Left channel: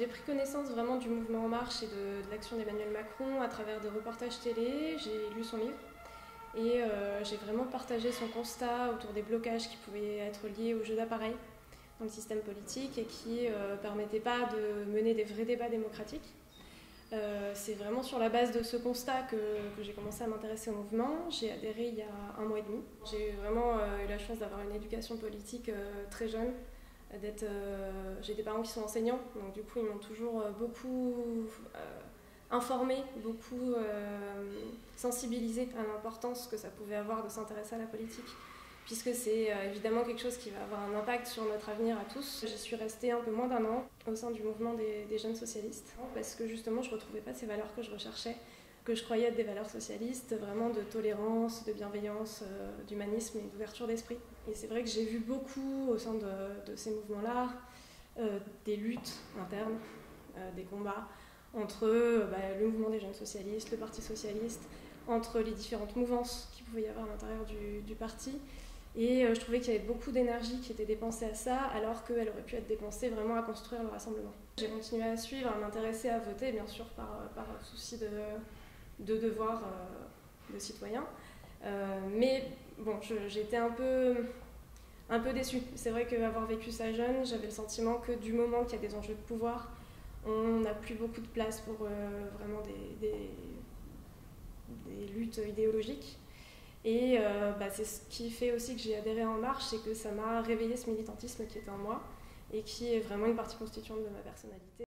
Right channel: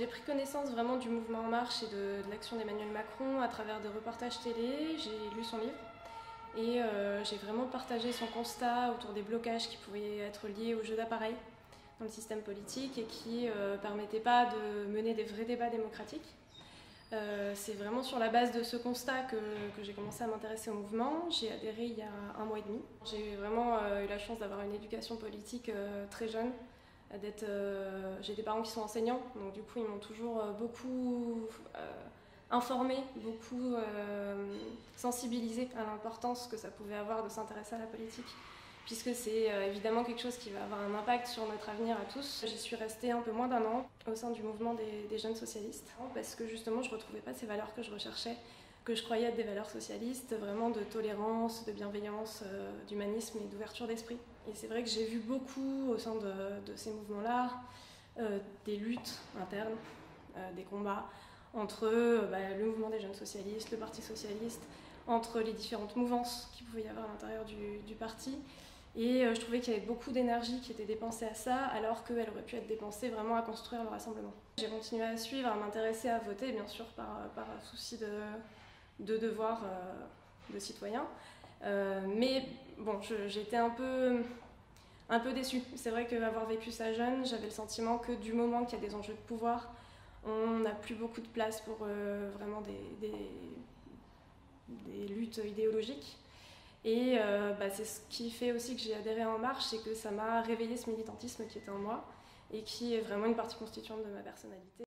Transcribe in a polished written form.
J'ai pris connaissance vraiment du mouvement En Marche et de l'action d'Emmanuel Macron à travers des reportages télé. J'ai lu son livre et j'ai vraiment partagé son constat autour des blocages qui pouvaient être liés au jeu d'appareil dans le système politique et qui ne permettaient pas de mener des vrais débats démocratiques. C'est vraiment sur la base de ce constat que j'ai commencé à m'intéresser au mouvement. J'ai adhéré il y a 1 mois et demi. J'ai eu vraiment la chance d'avoir une éducation politique très jeune. J'ai des parents qui sont enseignants, donc du coup ils m'ont toujours beaucoup informé, beaucoup sensibilisé à l'importance que ça pouvait avoir de s'intéresser à la politique, puisque c'est évidemment quelque chose qui va avoir un impact sur notre avenir à tous. J'y suis restée un peu moins d'1 an au sein du mouvement des jeunes socialistes, parce que justement je ne retrouvais pas ces valeurs que je recherchais, que je croyais être des valeurs socialistes, vraiment de tolérance, de bienveillance, d'humanisme et d'ouverture d'esprit. Et c'est vrai que j'ai vu beaucoup au sein de ces mouvements-là, des luttes internes, des combats entre le mouvement des jeunes socialistes, le Parti socialiste, entre les différentes mouvances qu'il pouvait y avoir à l'intérieur du parti. Et je trouvais qu'il y avait beaucoup d'énergie qui était dépensée à ça, alors qu'elle aurait pu être dépensée vraiment à construire le rassemblement. J'ai continué à suivre, à m'intéresser, à voter, bien sûr, par souci de devoir de citoyen. Mais bon, j'étais un peu déçue. C'est vrai qu'avoir vécu ça jeune, j'avais le sentiment que du moment qu'il y a des enjeux de pouvoir, on n'a plus beaucoup de place pour vraiment des luttes idéologiques. Et c'est ce qui fait aussi que j'ai adhéré à En Marche, c'est que ça m'a réveillé ce militantisme qui était en moi et qui est vraiment une partie constituante de ma personnalité.